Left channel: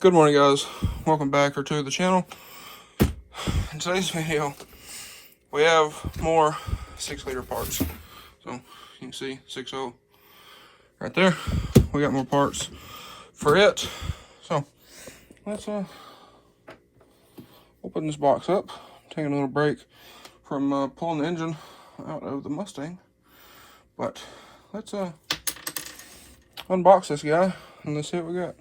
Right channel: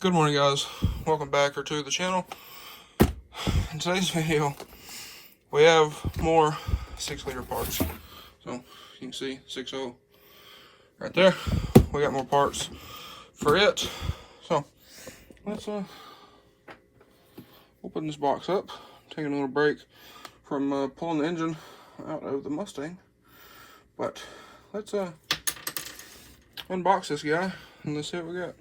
Good morning, guys. Welcome back to the channel. In today's video, we have more 6-liter parts. So you can see 6.0 right there. We got more parts for it. So let's open this box up. Take a little break from pulling the engine out of the Mustang. But let's unbox this guy and let's see what we got.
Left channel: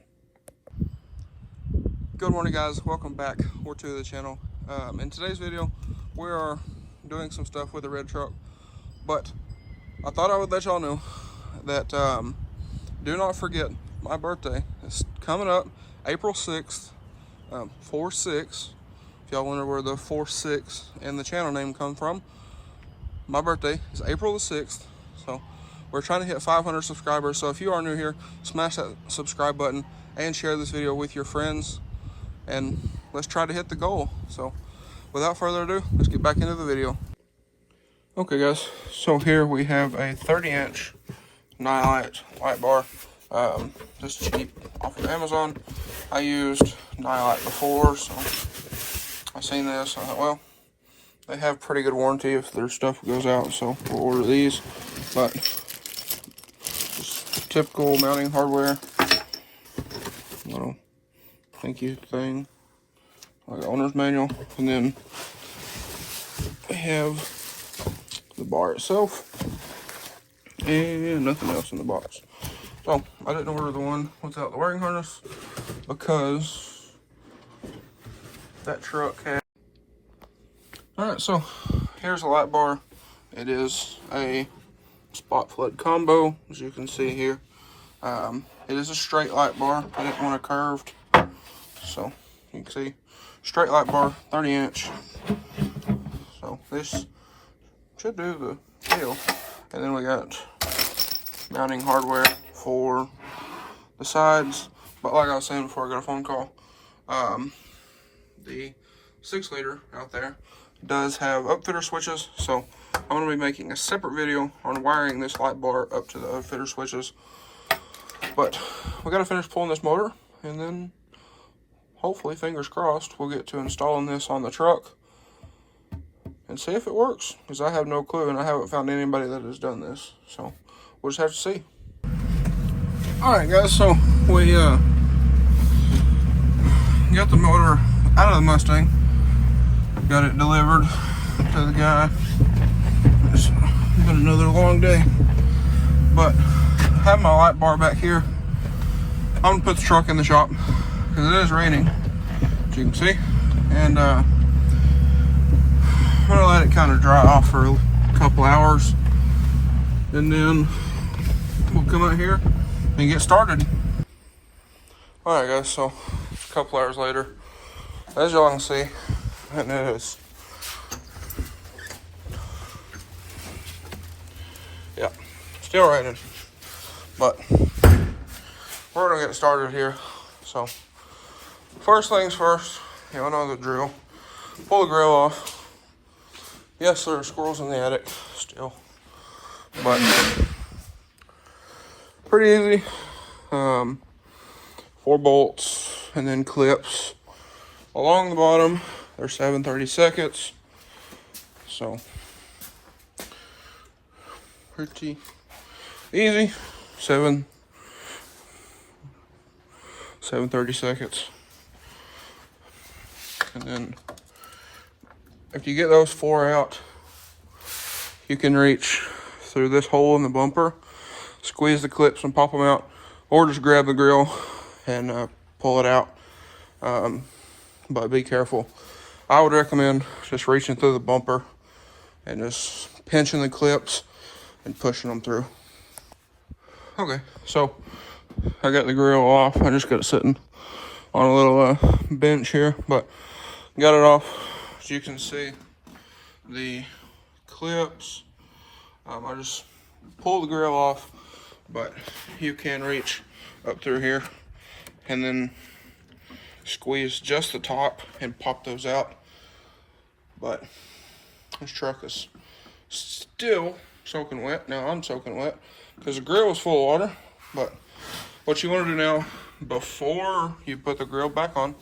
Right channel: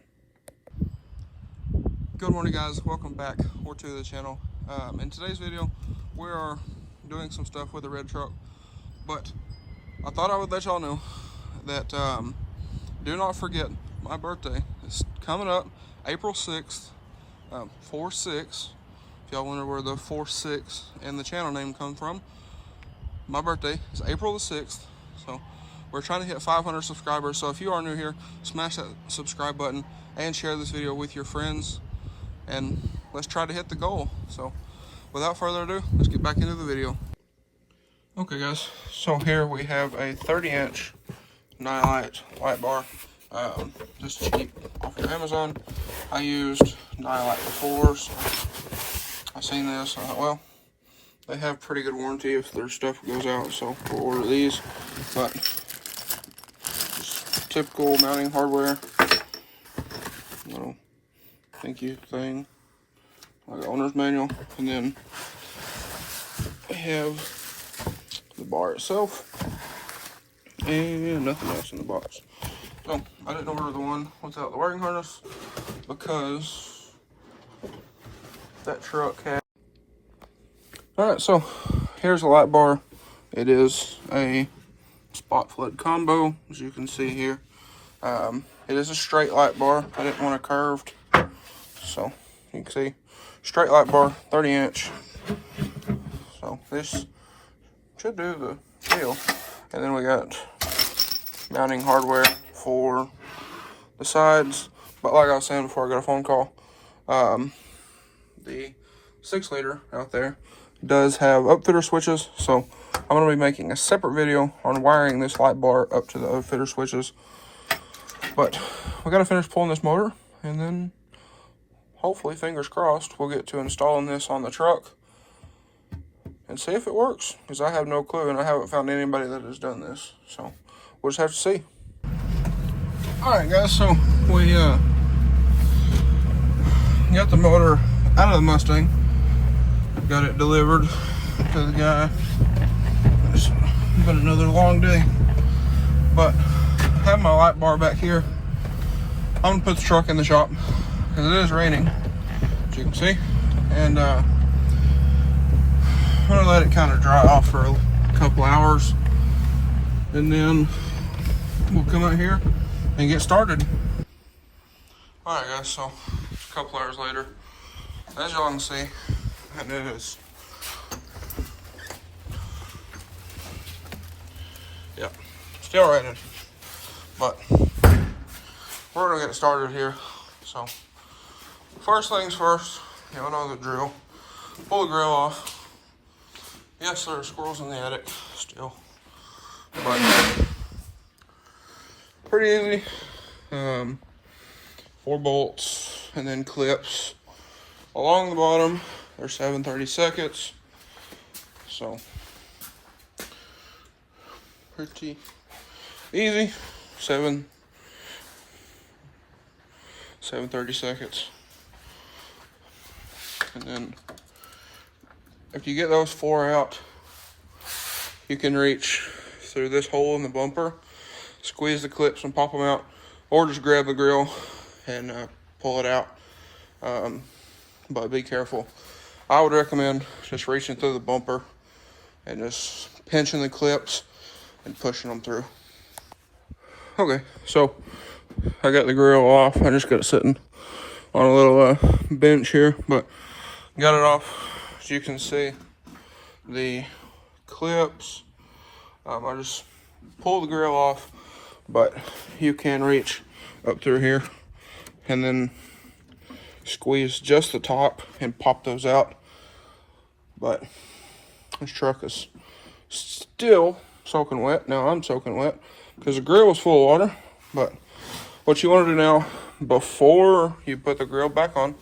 Good morning, guys. Welcome back to the channel. In today's video, we are doing some stuff with the red truck, but I thought I would let y'all know that do not forget my birthday is coming up April 6th, 4/6. If y'all wonder where the 4/6 and the channel name come from, my birthday is April the 6th. So we're trying to hit 500 subscribers. So if you are new here, smash that subscribe button and share this video with your friends. And let's try to hit the goal. So without further ado, let's get back into the video. Okay, guys, so here we have a 30-inch Nylite light bar. This is cheap off of Amazon. I used Nylite before, so I seen this. I thought, well, they have pretty good warranty if their stuff goes out, so I'll order these. But just typical mounting hardware. Little thank you thing, like an owner's manual, and then we have the bar itself and nothing else in the box. So I didn't order the one without the wiring harness because that truck had. Alright, so here's the light bar. It is a spot flood combo, as you can see here. It is a straight light bar. I didn't want a curved. So you can see straight light bar, 30-inch. So this should do the deal. And then we got mounting hardware for the sides. But like I was saying before I got a phone call, the 6-liter out there does have upfitter switches. So I'm going to be making a separate video on wiring this light bar up to the upfitter switches. But we got to finish pulling this motor, and then hopefully, fingers crossed, we'll get to installing this on the truck and see if it works, because I have no clue and I haven't found anybody that has done this. So we'll just have to see. Alright, guys, so we got the motor out of the Mustang, got it delivered to the guy. It's been another long day, but I have my light bar back here. I'm gonna put the truck in the shop, because it is raining, as you can see, and I'm gonna let it kind of dry off for a couple hours, and then we'll come out here and get started. Alright, guys, so a couple hours later, as y'all can see, it is, yeah, still raining, but we're gonna get started here. So first things first, y'all know the drill. Pull the grill off. Yes, there are squirrels in the attic still, but pretty easy. 4 bolts and then clips along the bottom. They're 7/32. So pretty easy. 7/32. And then if you get those 4 out, you can reach through this hole in the bumper, squeeze the clips and pop them out, or just grab the grill and pull it out. But be careful. I would recommend just reaching through the bumper and just pinching the clips and pushing them through. Okay, so I got the grill off. I just got it sitting on a little bench here, but got it off. As you can see, the clips, I just pulled the grill off, but you can reach up through here and then squeeze just the top and pop those out. But this truck is still soaking wet. Now I'm soaking wet because the grill was full of water, but what you want to do now, before you put the grill back on,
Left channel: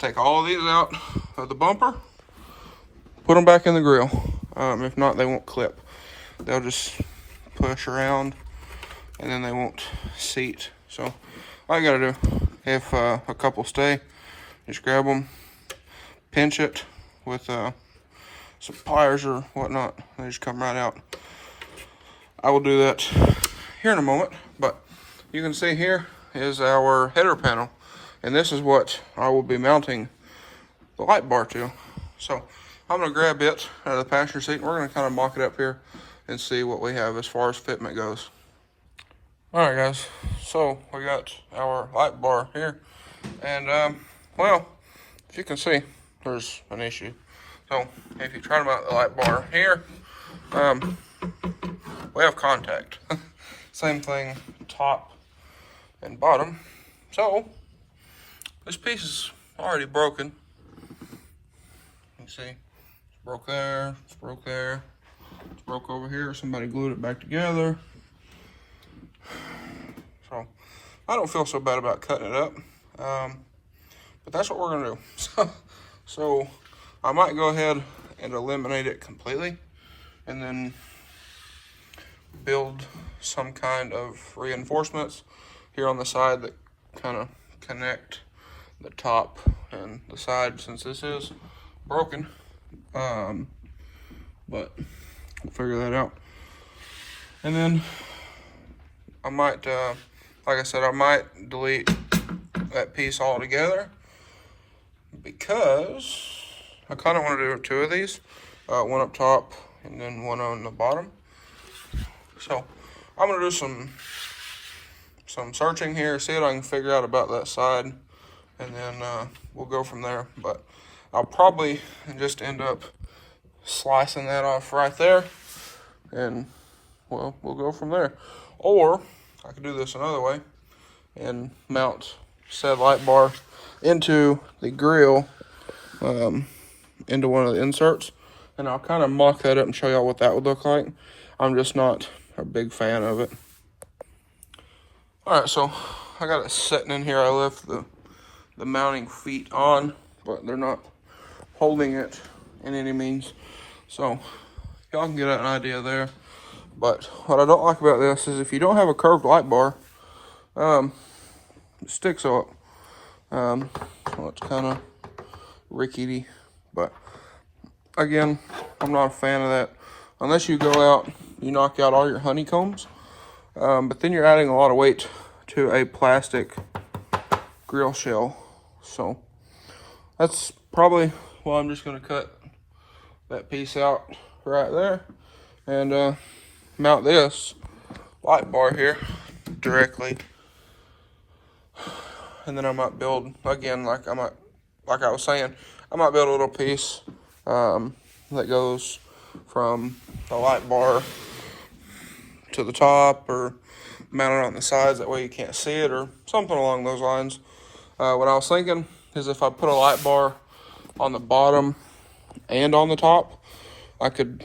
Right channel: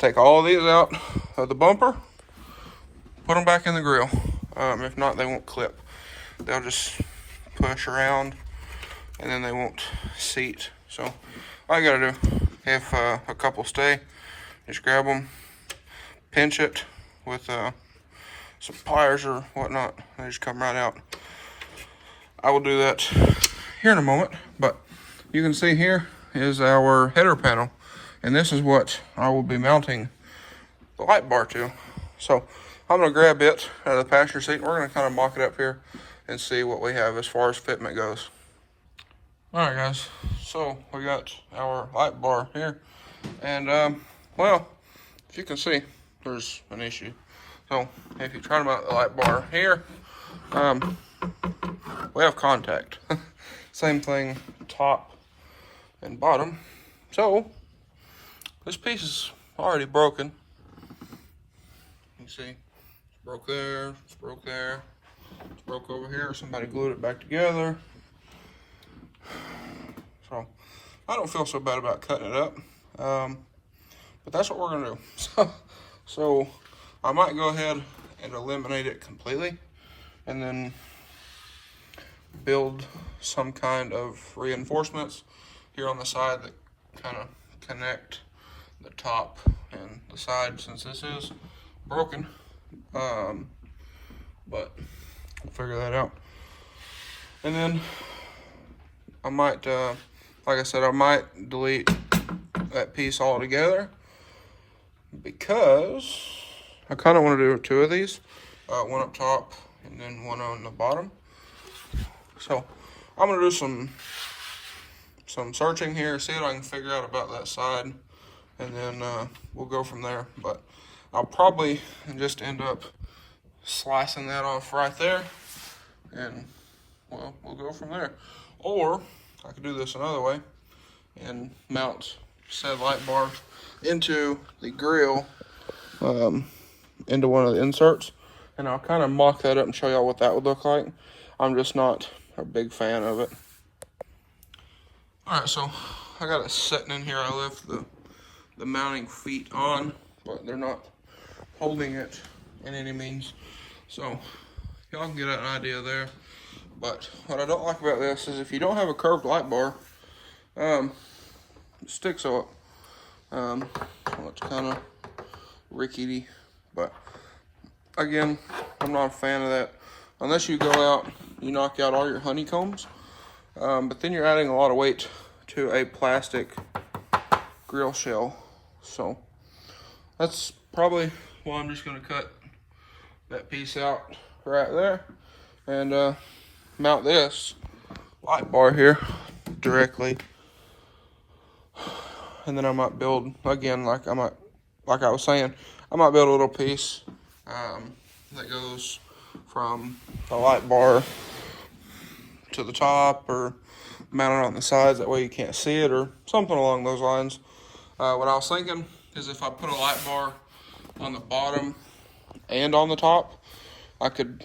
take all these out of the bumper, put them back in the grill. If not, they won't clip. They'll just push around and then they won't seat. So all you gotta do, if a couple stay, just grab them, pinch it with some pliers or whatnot. They just come right out. I will do that here in a moment, but you can see here is our header panel, and this is what I will be mounting the light bar to. So I'm gonna grab it out of the passenger seat, and we're gonna kind of mock it up here and see what we have as far as fitment goes. All right, guys, so we got our light bar here, and well, as you can see, there's an issue. So if you try to mount the light bar here, we have contact. Same thing, top and bottom. So this piece is already broken. You see, it's broke there, it's broke there, it's broke over here. Somebody glued it back together. So I don't feel so bad about cutting it up, but that's what we're gonna do. So I might go ahead and eliminate it completely, and then build some kind of reinforcements here on the side that kind of connect the top and the side, since this is broken. But we'll figure that out. And then I might, like I said, I might delete that piece altogether, because I kind of want to do two of these, one up top and then one on the bottom. So I'm gonna do some searching here, see what I can figure out about that side, and then we'll go from there. But I'll probably just end up slicing that off right there, and well, we'll go from there. Or I could do this another way and mount said light bar into the grill, into one of the inserts, and I'll kind of mock that up and show y'all what that would look like. I'm just not a big fan of it. All right, so I got it sitting in here. I left the mounting feet on, but they're not holding it in any means. So y'all can get an idea there. But what I don't like about this is if you don't have a curved light bar, it sticks up. So it's kind of rickety, but again, I'm not a fan of that. Unless you go out, you knock out all your honeycombs, but then you're adding a lot of weight to a plastic grill shell. So that's probably why I'm just gonna cut that piece out right there and mount this light bar here directly. And then I might build, again, like I was saying, I might build a little piece that goes from the light bar to the top, or mount it on the sides, that way you can't see it, or something along those lines. What I was thinking is if I put a light bar on the bottom and on the top, I could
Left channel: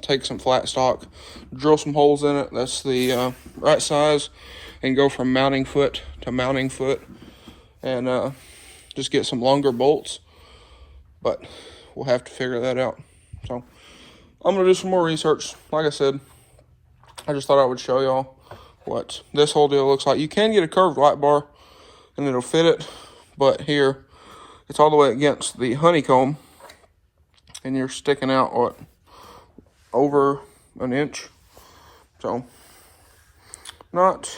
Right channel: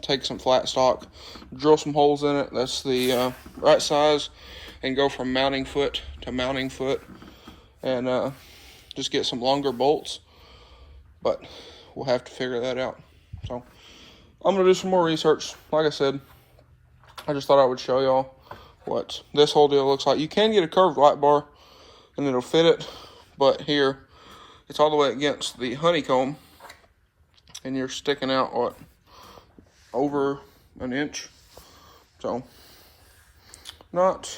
take some flat stock, drill some holes in it, that's the right size, and go from mounting foot to mounting foot, and just get some longer bolts. But we'll have to figure that out. So I'm gonna do some more research. Like I said, I just thought I would show y'all what this whole deal looks like. You can get a curved light bar and it'll fit it, but here it's all the way against the honeycomb, and you're sticking out, what, over an inch. So not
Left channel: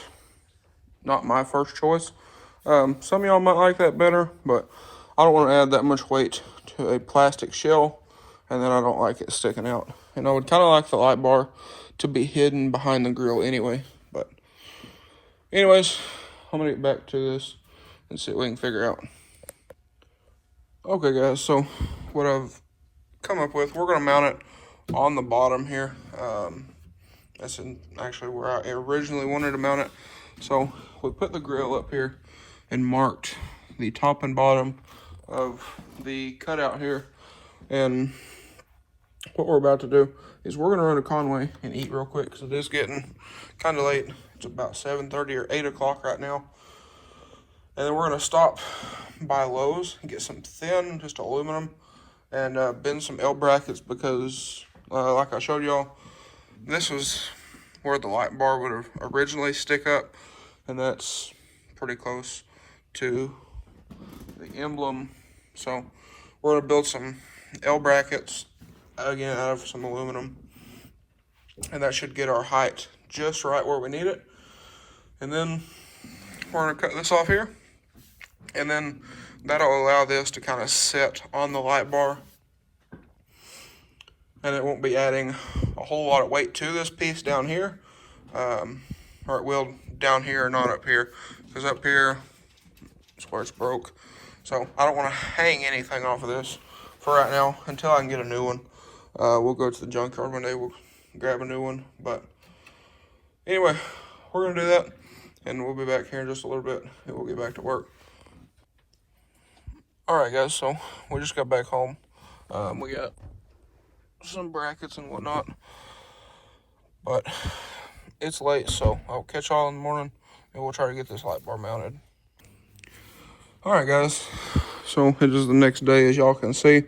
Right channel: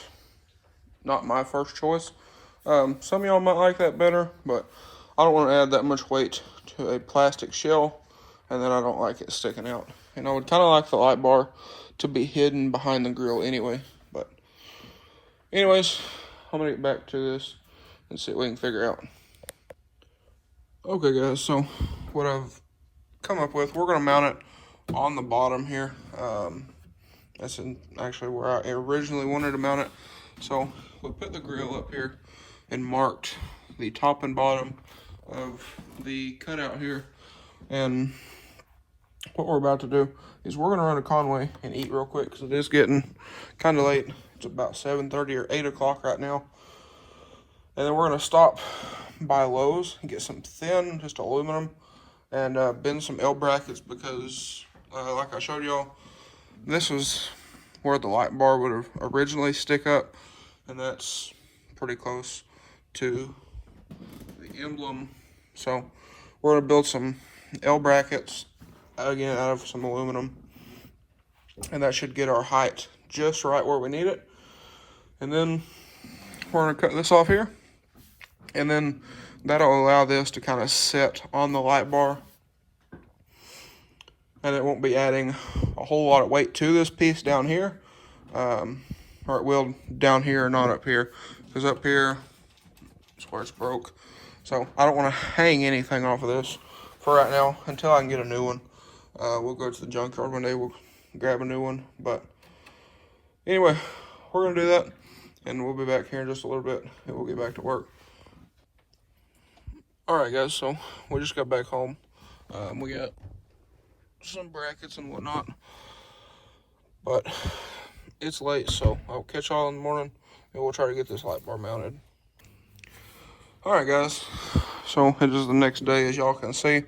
my first choice. Some of y'all might like that better, but I don't want to add that much weight to a plastic shell, and then I don't like it sticking out. And I would kind of like the light bar to be hidden behind the grill anyway. But anyways, I'm gonna get back to this and see what we can figure out. Okay guys, so what I've come up with, we're gonna mount it on the bottom here. That's actually where I originally wanted to mount it. So we put the grill up here and marked the top and bottom of the cutout here. And what we're about to do is we're gonna run to Conway and eat real quick because it is getting kind of late. It's about 7:30 or 8 o'clock right now. And then we're gonna stop by Lowe's and get some thin, just aluminum, and bend some L brackets because, like I showed y'all, this was where the light bar would have originally stick up, and that's pretty close to the emblem. So we're gonna build some L brackets, again, out of some aluminum, and that should get our height just right where we need it. And then we're gonna cut this off here, and then that'll allow this to kind of sit on the light bar, and it won't be adding a whole lot of weight to this piece down here, or it will down here and not up here, because up here is where it's broke. So I don't want to hang anything off of this for right now until I can get a new one. We'll go to the junkyard one day, we'll grab a new one. But anyway, we're going to do that, and we'll be back here in just a little bit, and we'll get back to work. Alright guys, so we just got back home. We got some brackets and whatnot, but it's late, so I'll catch y'all in the morning, and we'll try to get this light bar mounted. Alright guys, so it is the next day, as y'all can see,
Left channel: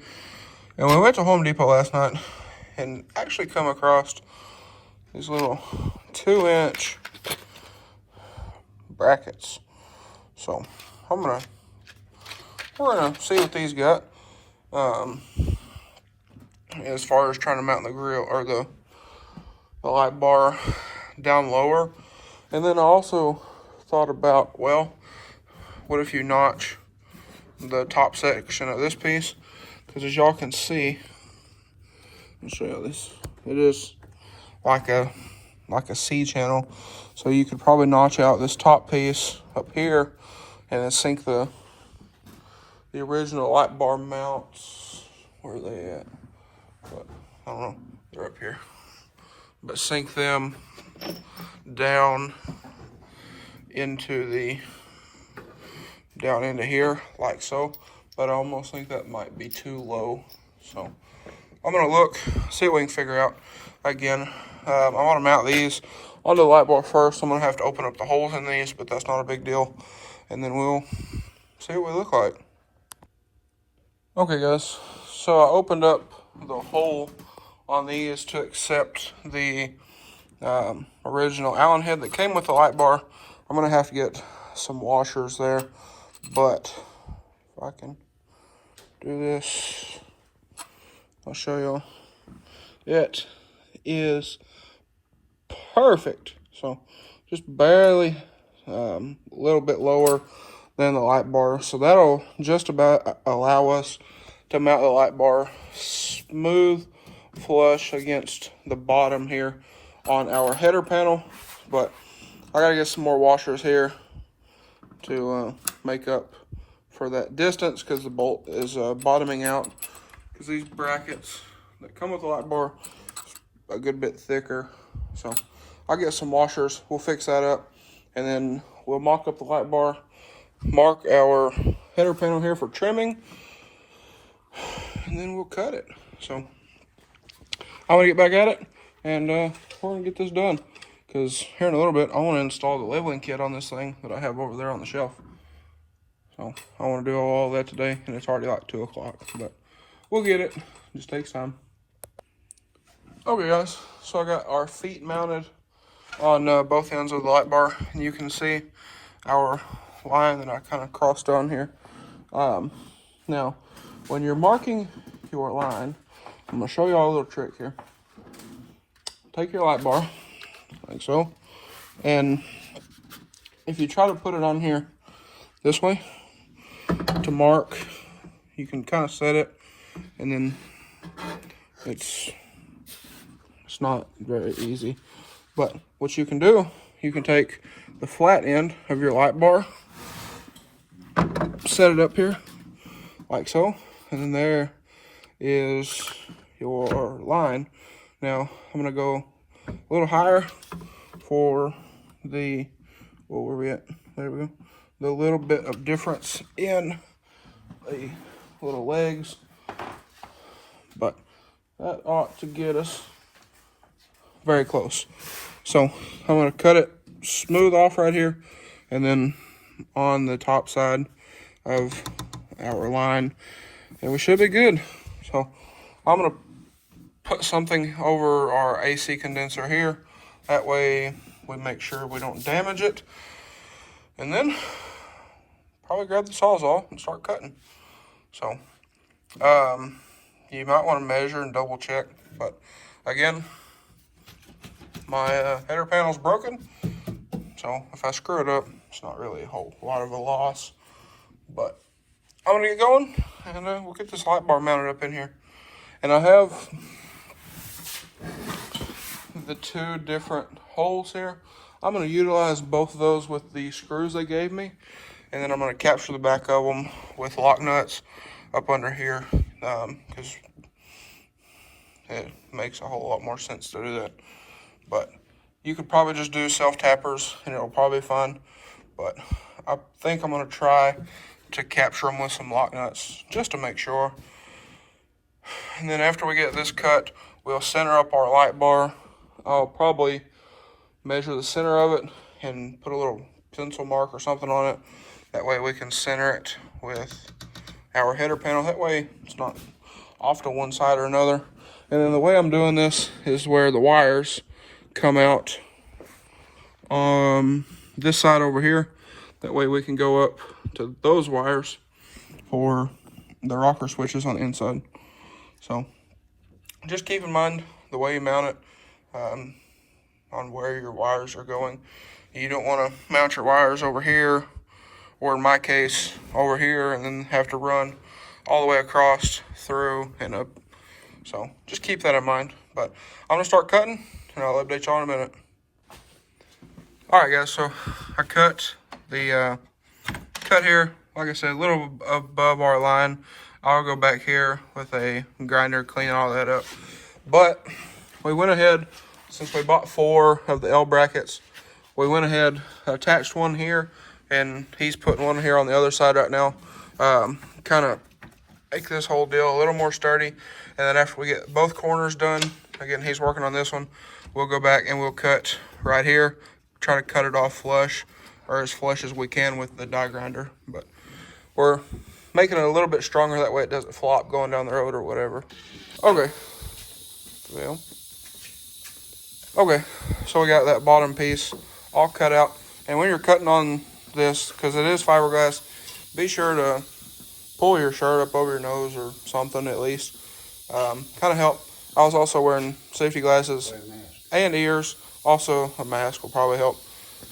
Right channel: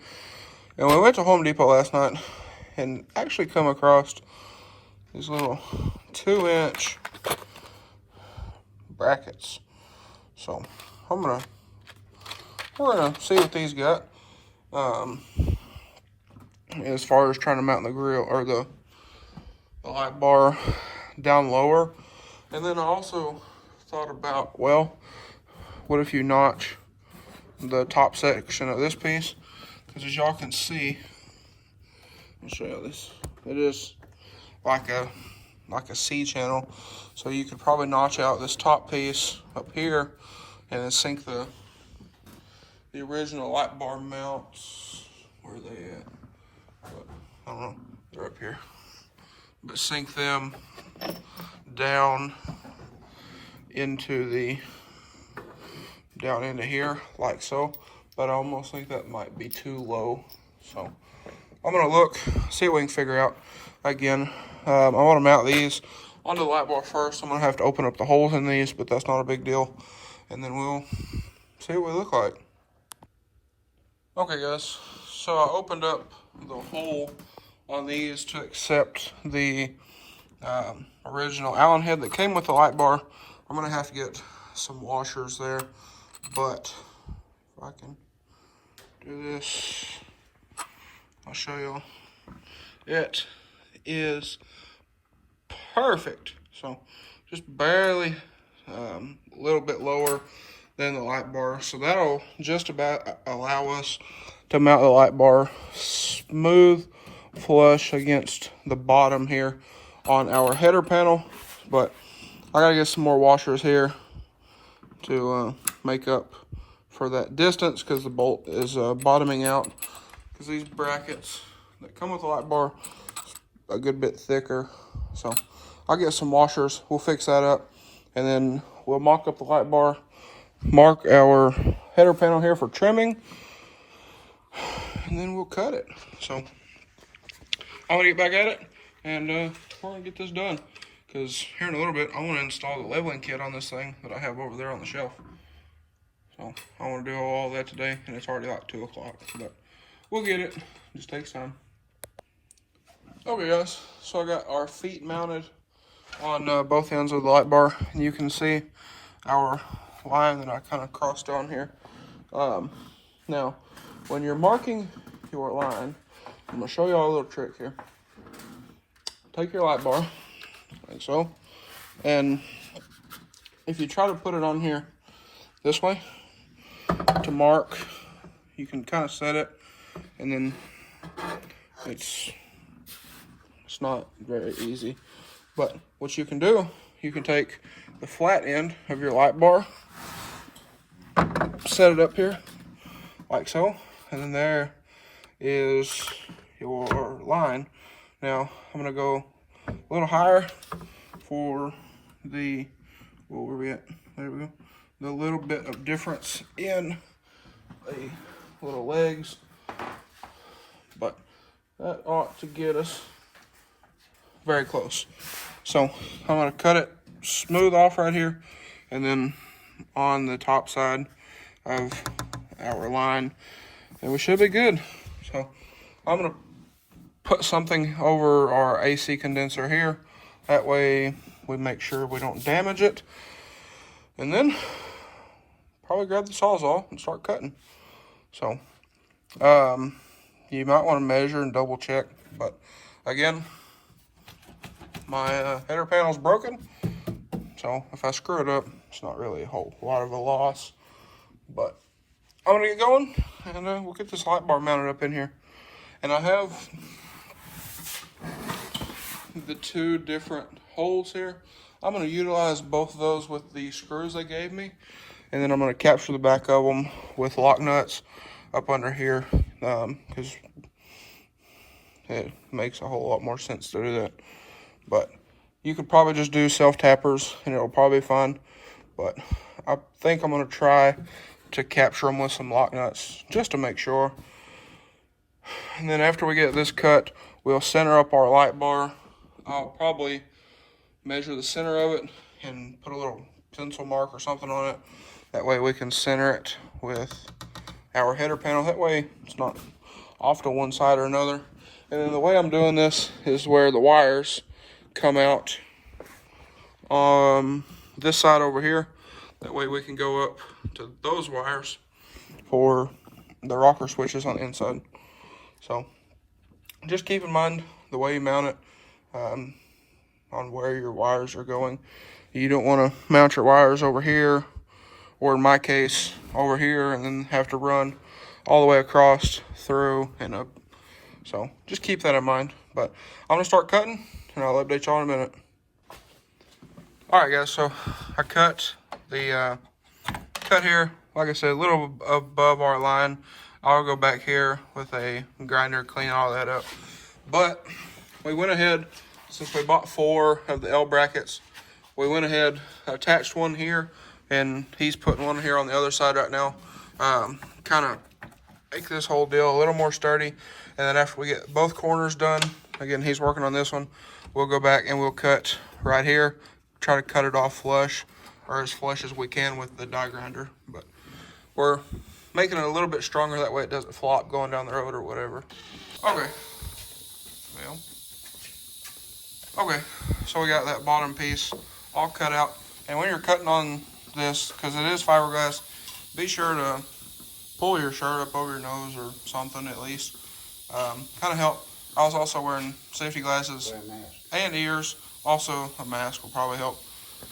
and we went to Home Depot last night and actually come across these little 2-inch brackets. So we're gonna see what these got, as far as trying to mount the grill or the light bar down lower. And then I also thought about, well, what if you notch the top section of this piece? Because as y'all can see, I'll show you this. It is like a C channel, so you could probably notch out this top piece up here and then sink the original light bar mounts. Where are they at? But, I don't know. They're up here. But sink them down into here, like so. But I almost think that might be too low. So I'm gonna look, see what we can figure out. Again, I want to mount these onto the light bar first. I'm gonna have to open up the holes in these, but that's not a big deal. And then we'll see what we look like. Okay guys, so I opened up the hole on these to accept the original Allen head that came with the light bar. I'm gonna have to get some washers there, but if I can do this, I'll show you. It is perfect. So just barely a little bit lower than the light bar. So that'll just about allow us to mount the light bar smooth, flush against the bottom here on our header panel. But I gotta get some more washers here to make up for that distance, because the bolt is bottoming out, because these brackets that come with the light bar are a good bit thicker. So I'll get some washers, we'll fix that up, and then we'll mock up the light bar, mark our header panel here for trimming, and then we'll cut it. So I'm gonna get back at it, and we're gonna get this done, because here in a little bit I want to install the leveling kit on this thing that I have over there on the shelf. So I want to do all that today, and it's already like 2 o'clock, but we'll get it. Just takes time. Okay guys, so I got our feet mounted on both ends of the light bar, and you can see our line that I kind of crossed on here. Now, when you're marking your line, I'm gonna show you all a little trick here. Take your light bar, like so, and if you try to put it on here this way to mark, you can kind of set it, and then it's not very easy. But what you can do, you can take the flat end of your light bar, set it up here like so, and then there is your line. Now I'm gonna go a little higher for the, what were we at? There we go. The little bit of difference in the little legs, but that ought to get us very close. So I'm gonna cut it smooth off right here, and then on the top side of our line, and we should be good. So I'm gonna put something over our AC condenser here. That way we make sure we don't damage it. And then probably grab the Sawzall and start cutting. So you might want to measure and double check, but again, my header panel is broken, so if I screw it up, it's not really a whole lot of a loss. But I'm gonna get going, and we'll get this light bar mounted up in here. And I have the two different holes here. I'm gonna utilize both of those with the screws they gave me, and then I'm gonna capture the back of them with lock nuts up under here, because it makes a whole lot more sense to do that. But you could probably just do self-tappers and it'll probably be fine. But I think I'm gonna try to capture them with some lock nuts just to make sure. And then after we get this cut, we'll center up our light bar. I'll probably measure the center of it and put a little pencil mark or something on it. That way we can center it with our header panel. That way it's not off to one side or another. And then the way I'm doing this is where the wires come out on this side over here. That way we can go up to those wires for the rocker switches on the inside. So just keep in mind the way you mount it on where your wires are going. You don't want to mount your wires over here, or in my case over here, and then have to run all the way across, through, and up. So just keep that in mind. But I'm gonna start cutting, and I'll update y'all in a minute. All right, guys, so I cut the cut here, like I said, a little above our line. I'll go back here with a grinder, clean all that up. But we went ahead, since we bought 4 of the L brackets, we went ahead, attached one here, and he's putting one here on the other side right now. Kind of make this whole deal a little more sturdy. And then after we get both corners done, again, he's working on this one, we'll go back and we'll cut right here, try to cut it off flush, or as flush as we can with the die grinder. But we're making it a little bit stronger, that way it doesn't flop going down the road or whatever. Okay. Well. Okay, so we got that bottom piece all cut out. And when you're cutting on this, because it is fiberglass, be sure to pull your shirt up over your nose or something at least. Kind of help. I was also wearing safety glasses and ears. Also, a mask will probably help.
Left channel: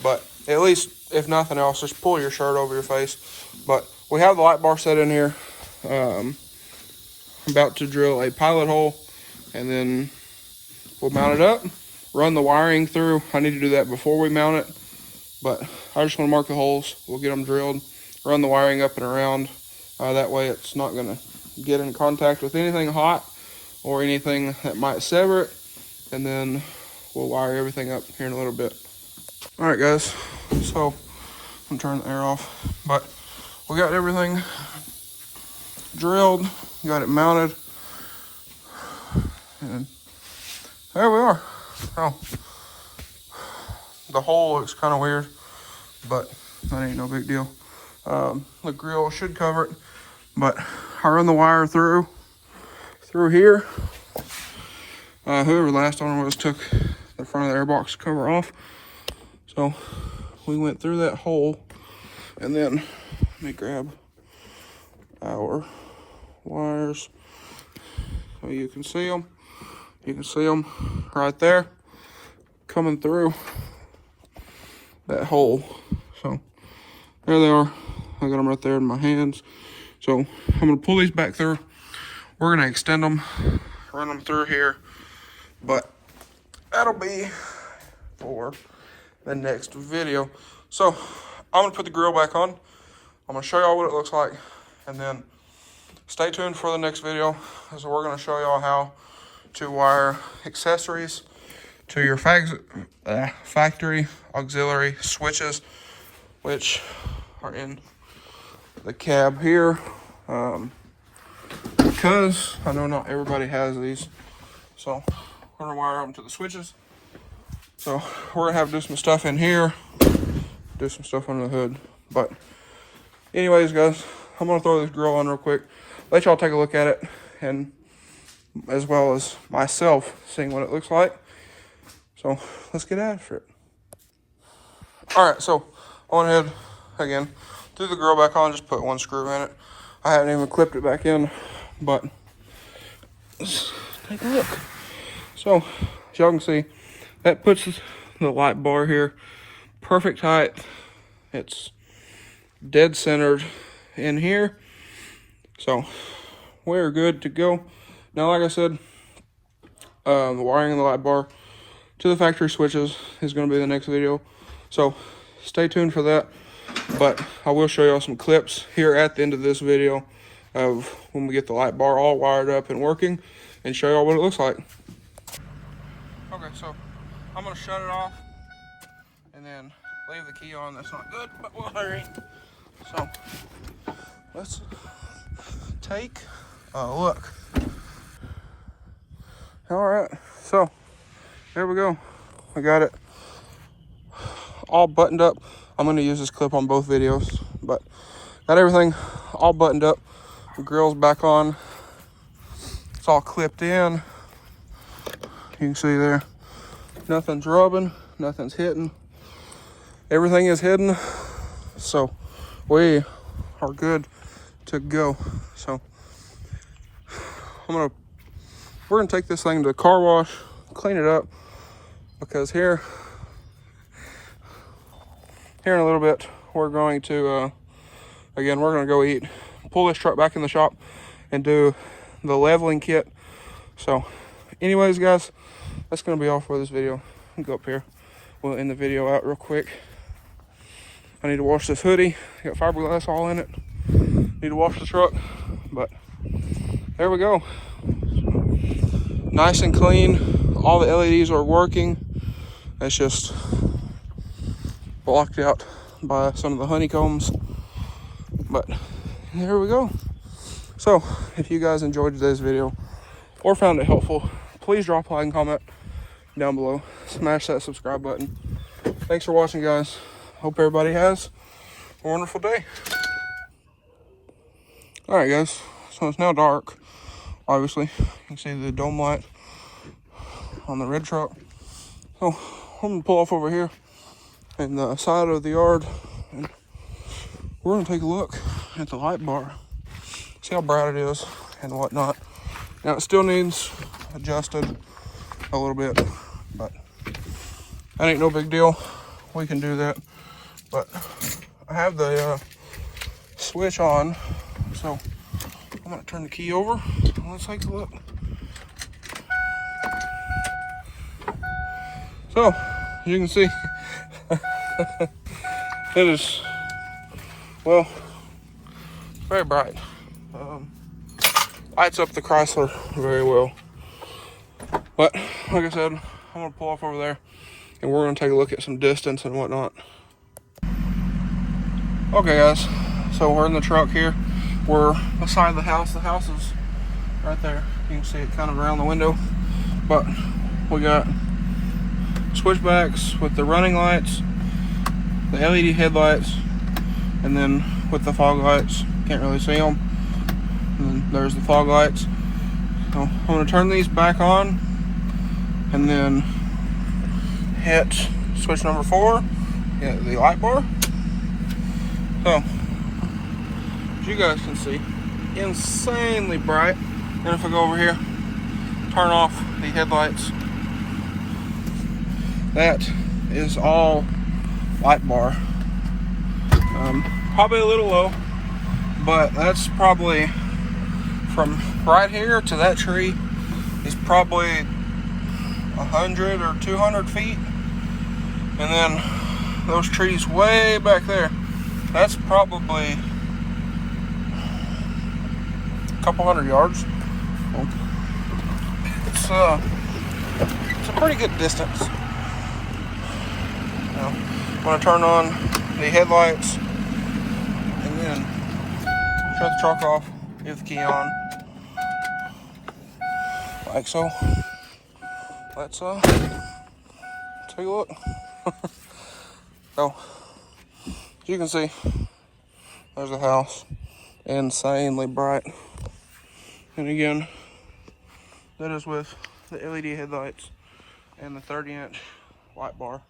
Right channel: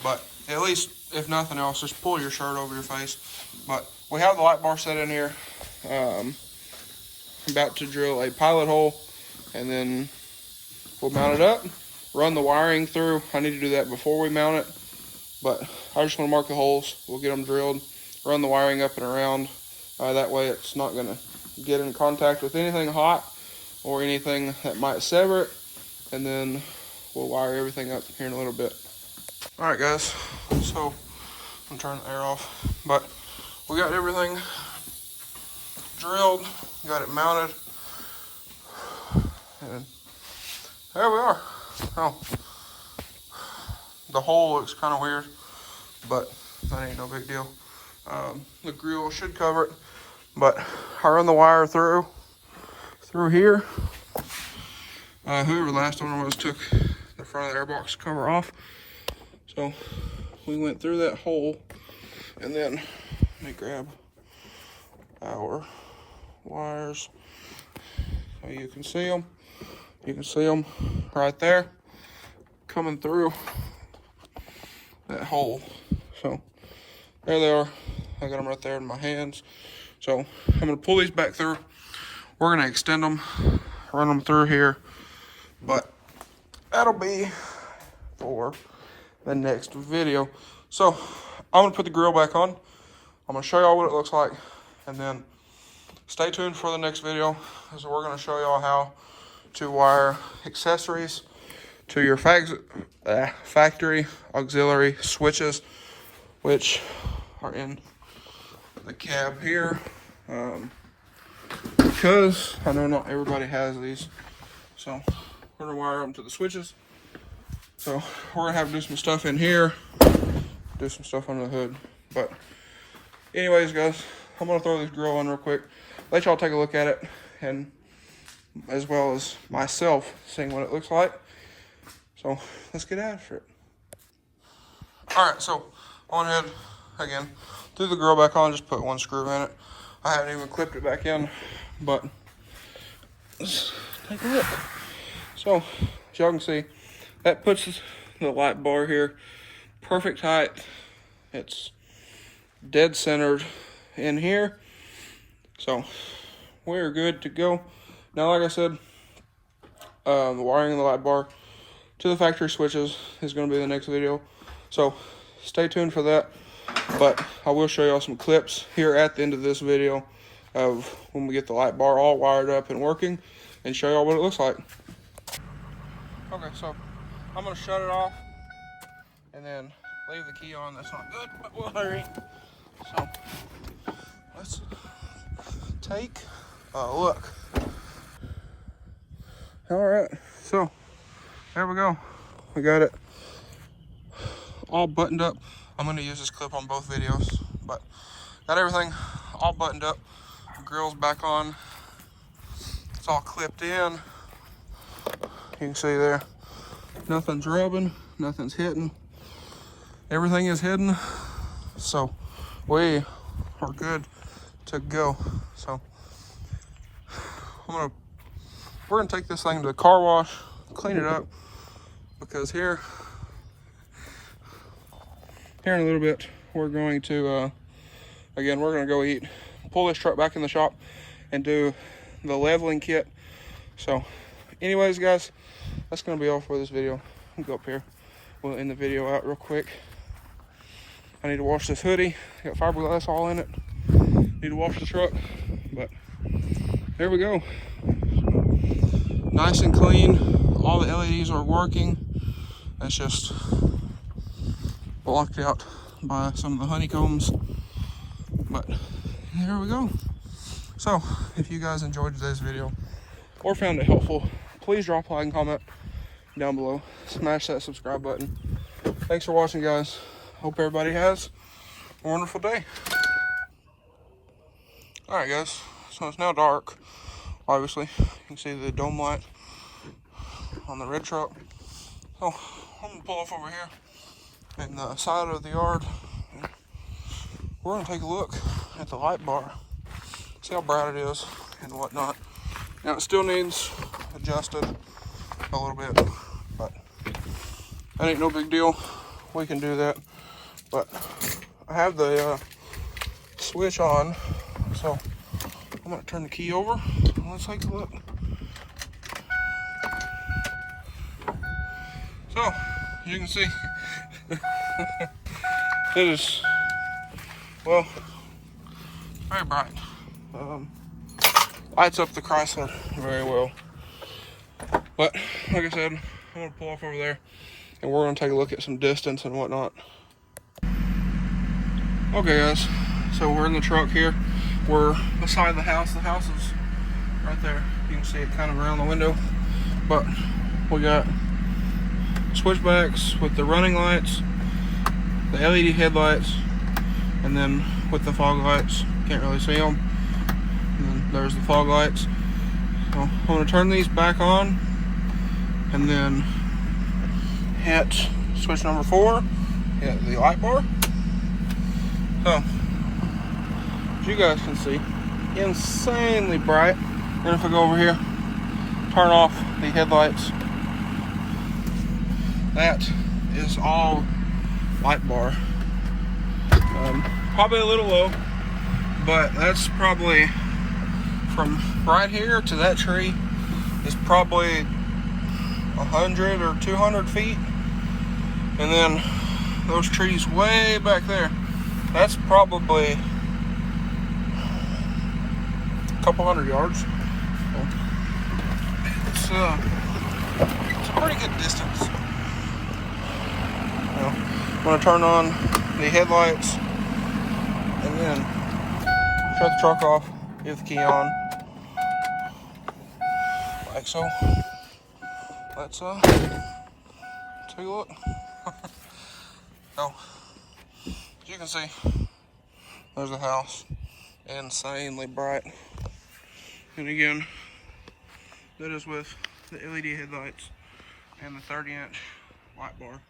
But at least, if nothing else, just pull your shirt over your face. But we have the light bar set in here. About to drill a pilot hole, and then we'll mount it up, run the wiring through. I need to do that before we mount it, but I just want to mark the holes. We'll get them drilled, run the wiring up and around. That way it's not going to get in contact with anything hot or anything that might sever it. And then we'll wire everything up here in a little bit. All right, guys, so I'm turning the air off, but we got everything drilled, got it mounted, and there we are. Oh, the hole looks kind of weird, but that ain't no big deal. The grill should cover it, but I run the wire through here. Whoever the last owner was took the front of the airbox cover off, so we went through that hole, and then let me grab our wires so you can see them. You can see them right there coming through that hole. So there they are. I got them right there in my hands. So I'm gonna pull these back through. We're gonna extend them, run them through here, but that'll be for the next video. So I'm gonna put the grill back on. I'm gonna show y'all what it looks like, and then stay tuned for the next video, as we're gonna show y'all how to wire accessories to your factory auxiliary switches, which are in the cab here, because I know not everybody has these. So I'm gonna wire them to the switches, So we're gonna have to do some stuff in here, do some stuff under the hood. But anyways, guys, I'm gonna throw this grill on real quick, let y'all take a look at it, and as well as myself seeing what it looks like. So let's get after it. All right, so I went ahead again, threw the grill back on, just put one screw in it. I haven't even clipped it back in, but so as y'all can see, that puts the light bar here perfect height. It's dead centered in here, so we're good to go. Now, like I said, the wiring of the light bar to the factory switches is going to be the next video, so stay tuned for that. But I will show y'all some clips here at the end of this video of when we get the light bar all wired up and working, and show y'all what it looks like. Okay, so I'm going to shut it off and then leave the key on. That's not good, but we'll hurry. So let's take a look. All right, so there we go. We got it all buttoned up. I'm going to use this clip on both videos, but got everything all buttoned up. The grill's back on. It's all clipped in. You can see there, nothing's rubbing, nothing's hitting. Everything is hidden, so we are good to go. So we're gonna take this thing to the car wash, clean it up, because here in a little bit we're going to again, we're gonna go eat, pull this truck back in the shop and do the leveling kit. So anyways, guys, that's gonna be all for this video. I'll go up here, we'll end the video out real quick. I need to wash this hoodie, got fiberglass all in it. Need to wash the truck, but there we go. Nice and clean. All the LEDs are working. It's just blocked out by some of the honeycombs, but there we go. So if you guys enjoyed today's video or found it helpful, please drop a like and comment down below. Smash that subscribe button. Thanks for watching, guys. Hope everybody has a wonderful day. All right, guys, so it's now dark, obviously. You can see the dome light on the red truck. So I'm gonna pull off over here in the side of the yard, and we're gonna take a look at the light bar, see how bright it is and whatnot. Now, it still needs adjusted a little bit, but that ain't no big deal. We can do that. But I have the switch on, so I'm gonna turn the key over. Let's take a look. So, as you can see, it is, well, very bright. Lights up the Chrysler very well. But like I said, I'm gonna pull off over there and we're gonna take a look at some distance and whatnot. Okay, guys, so we're in the truck here. We're beside the house. The house is right there. You can see it kind of around the window. But we got switchbacks with the running lights, the LED headlights, and then with the fog lights. Can't really see them. And there's the fog lights. So I'm going to turn these back on and then hit switch number 4, hit the light bar. So, as you guys can see, insanely bright. And if I go over here, turn off the headlights, that is all light bar. Probably a little low, but that's probably from right here to that tree is probably 100 or 200 feet. And then those trees way back there, that's probably a couple hundred yards. It's a pretty good distance. I'm gonna turn on the headlights and then shut the truck off, leave the key on, like so. Let's Take a look. So, as you can see, there's the house. Insanely bright. And again, that is with the LED headlights and the 30-inch light bar.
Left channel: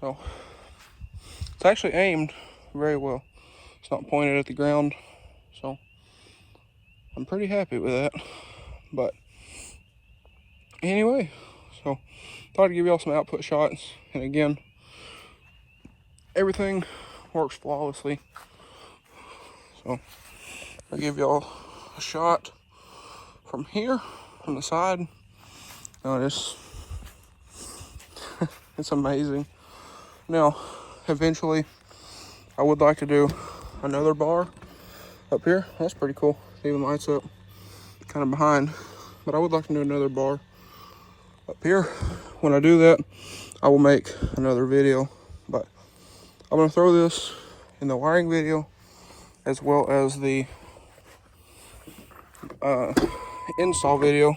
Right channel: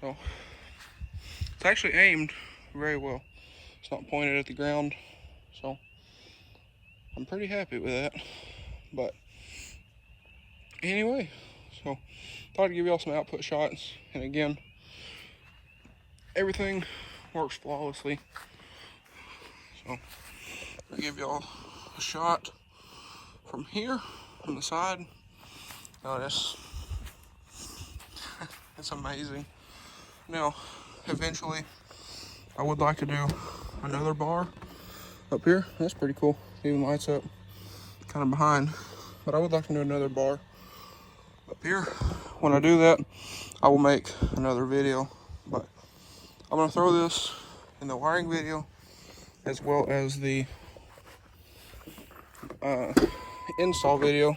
So, it's actually aimed very well. It's not pointed at the ground, so I'm pretty happy with that. But anyway, so thought I'd give y'all some output shots. And again, everything works flawlessly. So I'll give y'all a shot from here, from the side. It's amazing. Now, eventually, I would like to do another bar up here. That's pretty cool. Even lights up kind of behind. But I would like to do another bar up here. When I do that, I will make another video. But I'm going to throw this in the wiring video as well as the install video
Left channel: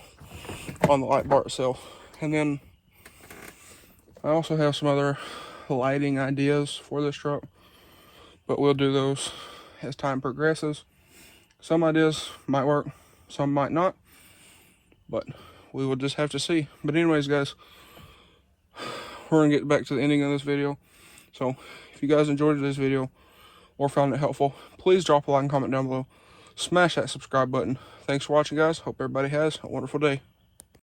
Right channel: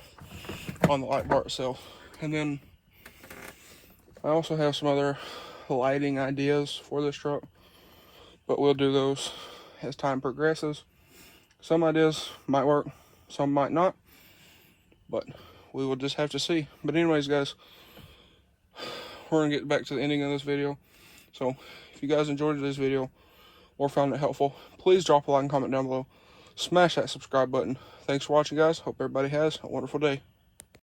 on the light bar itself. And then I also have some other lighting ideas for this truck, but we'll do those as time progresses. Some ideas might work, some might not, but we will just have to see. But anyways, guys, we're gonna get back to the ending of this video. So if you guys enjoyed this video or found it helpful, please drop a like and comment down below. Smash that subscribe button. Thanks for watching, guys. Hope everybody has a wonderful day.